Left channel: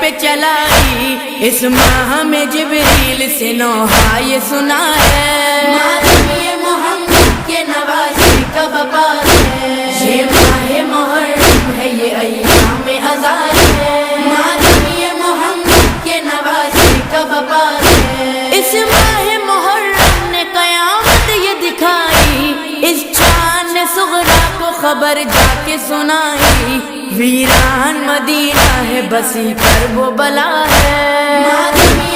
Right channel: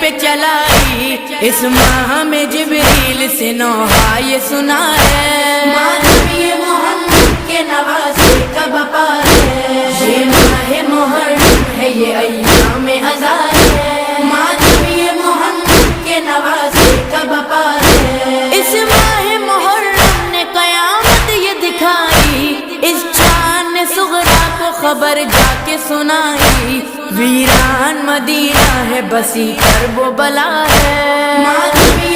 پہ چلائی، اس ماہ میں جبریل سے نوحہ یہ سنا ہے، ماتم یہ محمد کے نواسے کا بپا ہے، یہ ماہ محرم ہے یہ ایام ازار ہے، ماتم یہ محمد کے نواسے کا بپا ہے، اس ماہ محرم نے قیامت یہ دکھائی، اس چاند صغرا کو خبر جا کے سنائی، ویران مدینہ ہے بسی کرب و بلا ہے،